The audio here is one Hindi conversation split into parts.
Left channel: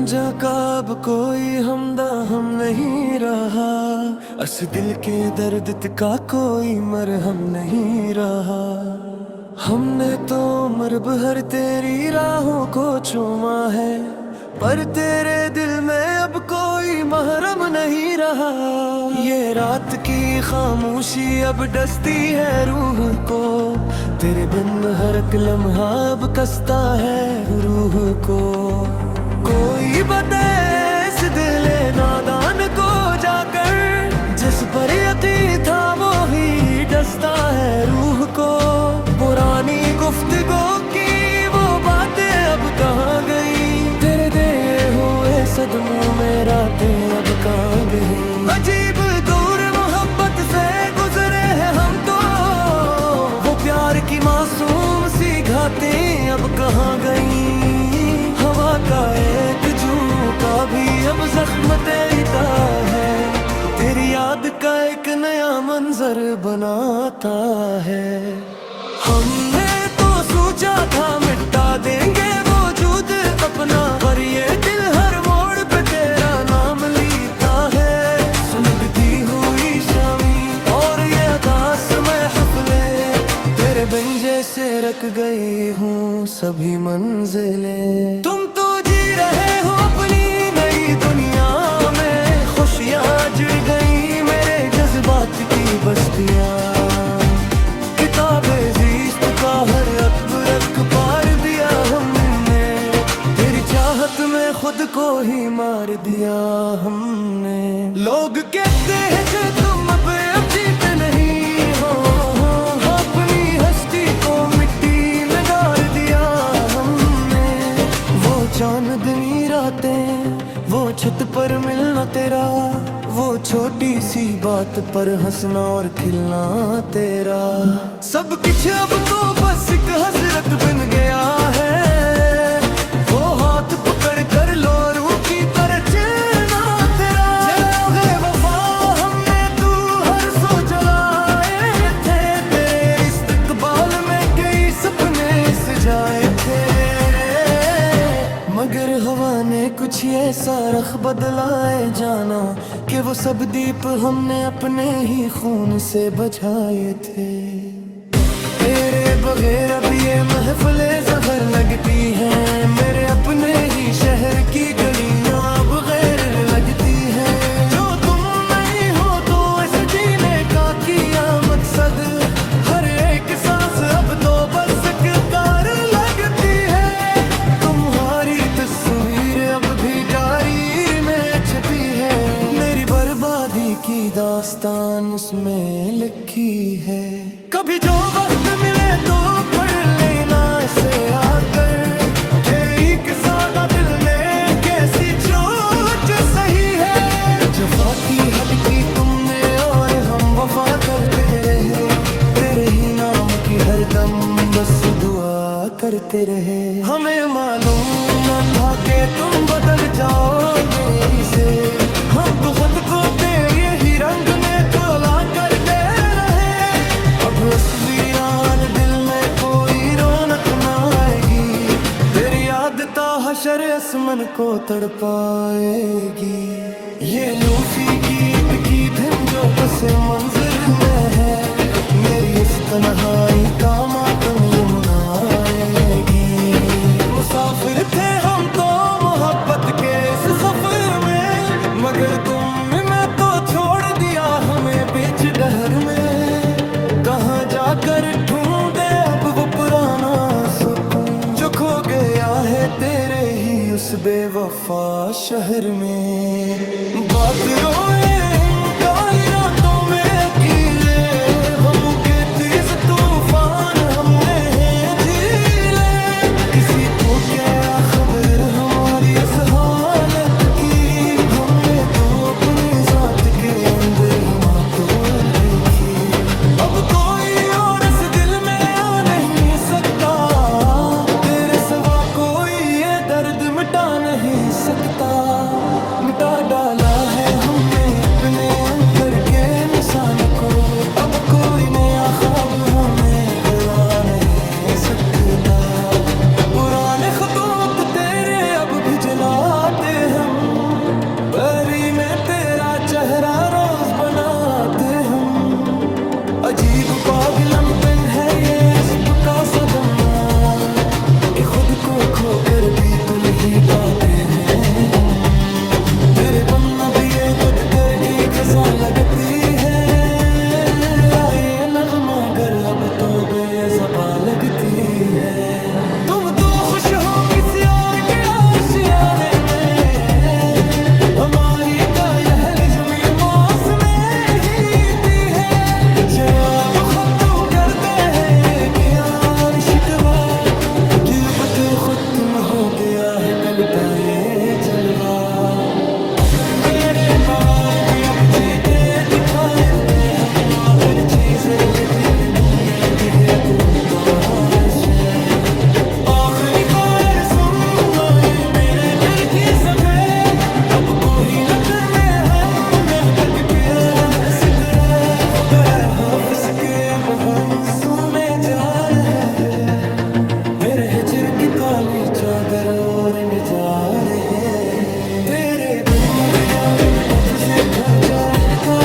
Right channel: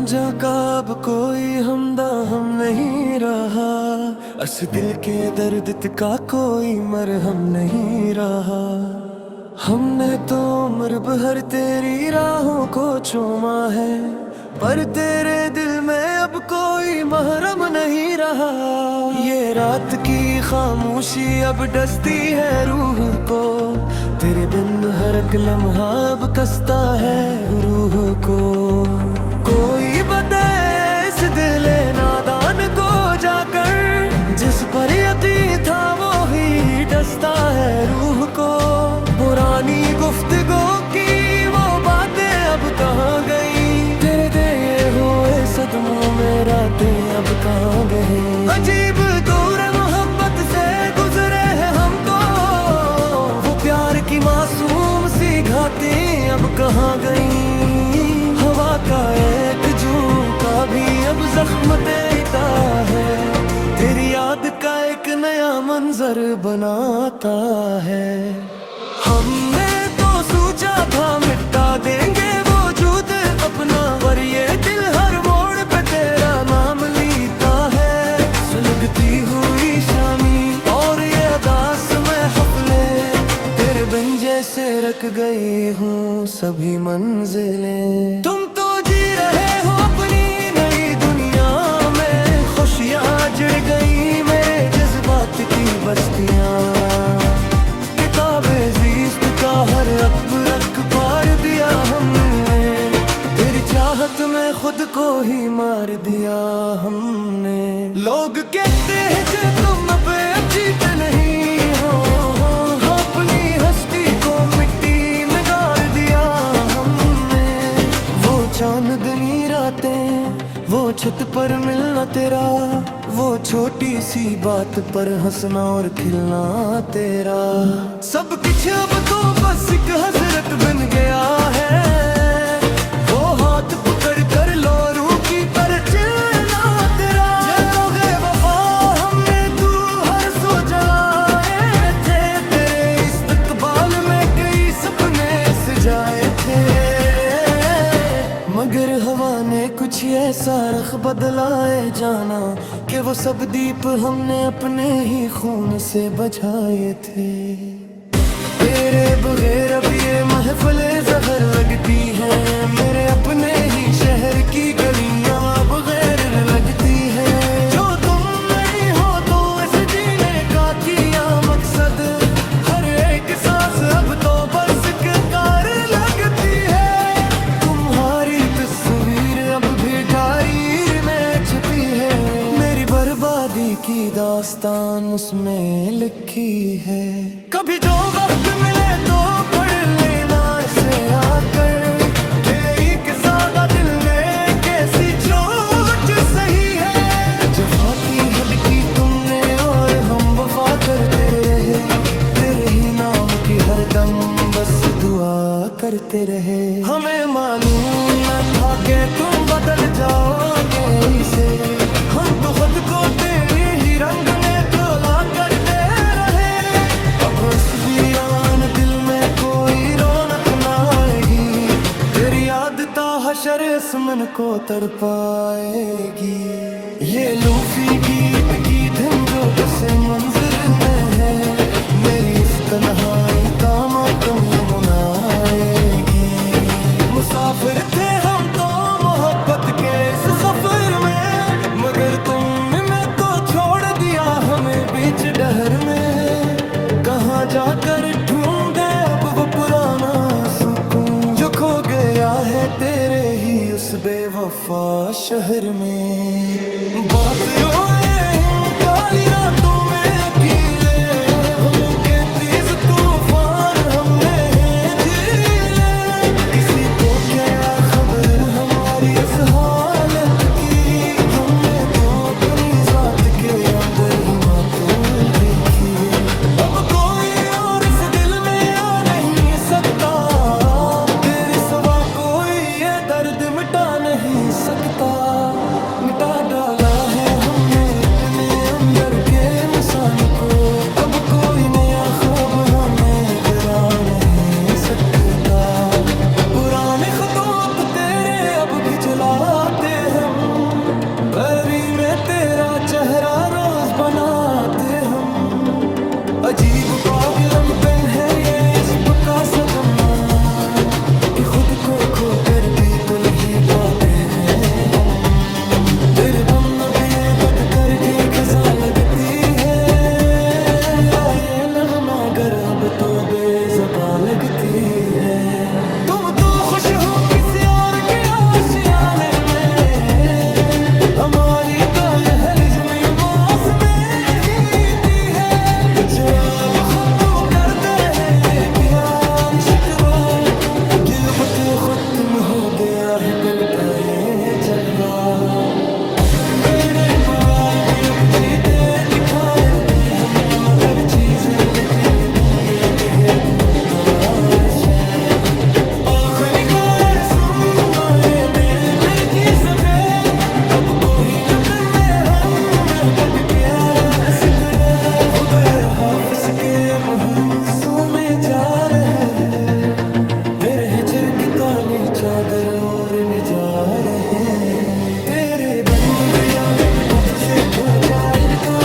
रांझा का अब कोई हम नहीं रहा, अस दिल के दर्द का कोई मरहम नहीं रहा। हमने तो उम्र भर तेरी राहों को चूमा है, पर तेरे दिल में अब कोई महरम नहीं रहा। ये रात की खामोशी अब डसती है रूह को, तेरे बिन हर एक लम्हा अब कसता है रूह को। कोई बताए इस दिल नादान को जाकर, जिस पर यकीन था वो ही डसता है रूह को। पुरानी गुफ्तगू की वो बातें अब कहाँ गई, तेरे दिए हुए सदमों में रातें अब कहाँ गई। अजीब दौर मोहब्बत से गुजरे हैं हम तो, वो प्यार की मासूम सी घातें अब कहाँ गई। हवा का एक झोंका भी अब जख्म देता है, तेरी याद का एक नया मंजर बनाता है। हमने तो सोचा था मिटा देंगे वजूद अपना, पर ये दिल हर मोड़ पे तेरा नाम लेता है। सुलगती हुई शामी और ये अदास महफिले, तेरे बिन जैसे रख गई हूँ सभी मंजिलें। तुम तो जी रहे हो अपनी नई दुनिया में, खुशियाँ जुड़ गई मेरे जज्बात की बस्तियाँ। किताबे जीस्त का हर अकबरक पार दिया हमने, तेरी चाहत में खुद को ही मार दिया हमने। लोग कहते हैं कि तुम अब जीते नहीं हो, अपनी हस्ती को मिट्टी में गाड़ दिया हमने। वो चांदनी रातें, वो छत पर मिलना तेरा, वो छोटी सी बात पर हंसना और खिलना तेरा। सब कुछ अब तो बस एक हसरत बन गया है, वो हाथ पकड़ कर लोरू की तरह चलना तेरा। जलोगे वफा हमने तू हर सो जलाए थे, तेरे इस्तकबाल में कई सपने सजाए थे। मगर हवा ने कुछ ऐसा रख बदलाए जाना, कि वो सब दीप हमने अपने ही खून से बुझाए थे। तेरे बगैर अब ये महफिले जहर लगती हैं, मेरे अपने ही शहर की गलियां अब गैर लगती हैं। जो तुम नहीं हो तो इस जीने का किया मकसद, हर एक सांस अब तो बस कार लगती है। तुम्हारी तस्वीर अब भी डायरी में छपी है, मेरी बर्बादी की दास्तान उसमें लिखी है। कभी जो वक्त मिले तो पढ़ लेना इसे आकर, तेरी के सादा दिल ने कैसी चोट सही है। जफा की हद की तुमने और हम वफा करते रहे, तेरे ही नाम की हर दम बस दुआ करते रहे। हमें मालूम न था कि तुम बदल जाओगे इसे, हम तो खुद को तेरे ही रंग ने तोला करते रहे। अब असली रान दिल में कोई रौनक न आएगी, तेरी याद ता हशर असमन को तड़पाएगी। ये लूफी गीत की धुन जो पसे मंजर में है, मेरी इस तन्हाई का मातम ये मनाएगी। मुसाफिर थे हम तो मोहब्बत के इस सफर में, मगर तुमने तो छोड़ दिया हमें बीच डहर में। कहाँ जाकर ढूंढे अब वो पुराना सुकून, जो खो गया है तेरे ही उस बेवफा शहर में। बात रोए इन काली रातों में अकेले, गमों के तेज तूफान हमने झेले। किसी को क्या खबर हमारी इस हालत की, हमने तो अपनी जात के अंदर ही मातूल देखी। अब कोई और इस दिल में आ नहीं सकता, तेरे सिवा कोई ये दर्द मिटा नहीं सकता। मिटा डाला है हमने अपने अंदर के इंसान को, अब कोई नया ख्वाब हमें गिरा नहीं सकता। पुराने खतौत तेरे अब भी जलाते में तेरा चेहरा रोज बनाते हम। अजीब पागलपन है ये इश्क का सदमा, कि खुद को खोकर भी तुल ही पाते हैं हम। तेरे बन अब ये बदकर की खजा लगती है, मेरा ये नगमा गर अब तो बेज़बा लगती है। तुम तो खुश हो किसी और के आशियाने में, हमारी तो यह लिज़्मी मौसम ही है। जरा अब खत्तू करते हैं एक यार शिकवा, गिरबत खत्म हो गया है गलता ये जलवा। तेरे पगार दे अब जीते दिखाए दे हम न मगर चीज रे बुने भी है तू तवाशे। आखिरी बार सुनना ये मेरे दिल की सफे, अब कोई न करने हम महकत के आरस तेरे। खुदा हाफिज के अब हम सुने जा रहे हैं, तेरे हिजर की काली चादर ओढ़ में जा रहे हैं। तेरे बन्नो दिया बिन तुझे तो जाइद का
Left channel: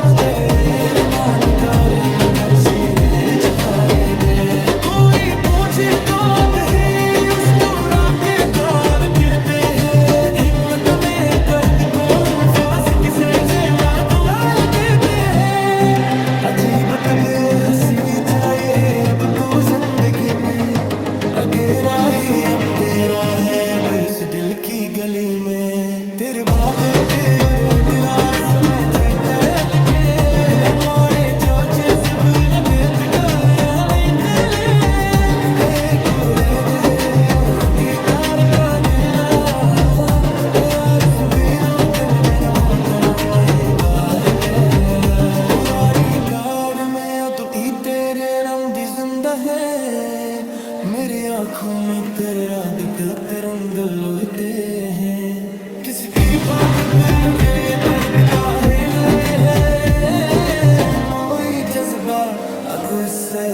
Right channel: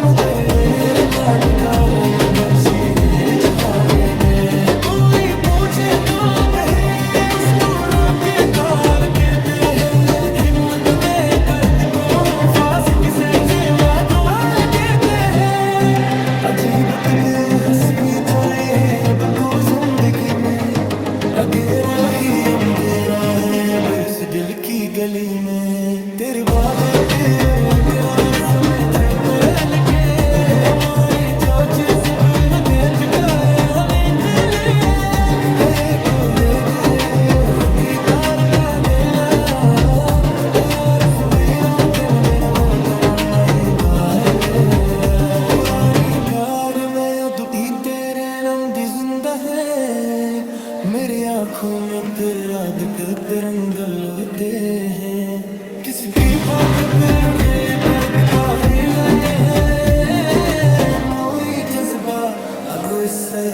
मगर रेर मान गारे मगर सीर छारे गए। कोई पूछे तो दे उस तोड़ा के तार गिरते हैं, हिम्मत में कर को फांस किसे से मारवाल देते हैं। अजीबत बेहसी चाहिए अब तो जिंदगी में, अगेरा ही अंधेरा है अब इस दिल की गली में। तेरे बाबे तेरे इकरार समय झटल के, हमारे चाचे सब लगे टकारे हमें तले है। पूरे दे की तार का बेला यार, सुबेरा दिन मेरा मोतना नहीं गाए। पुरानी कार में अब तेरे नाम दी जिंदा है, मेरी आंखों में तेरा दिखते रंग लुटे हैं। किसकी बात फिर बेदर्द है गए हैं, मोई जज्बा अगुस्सा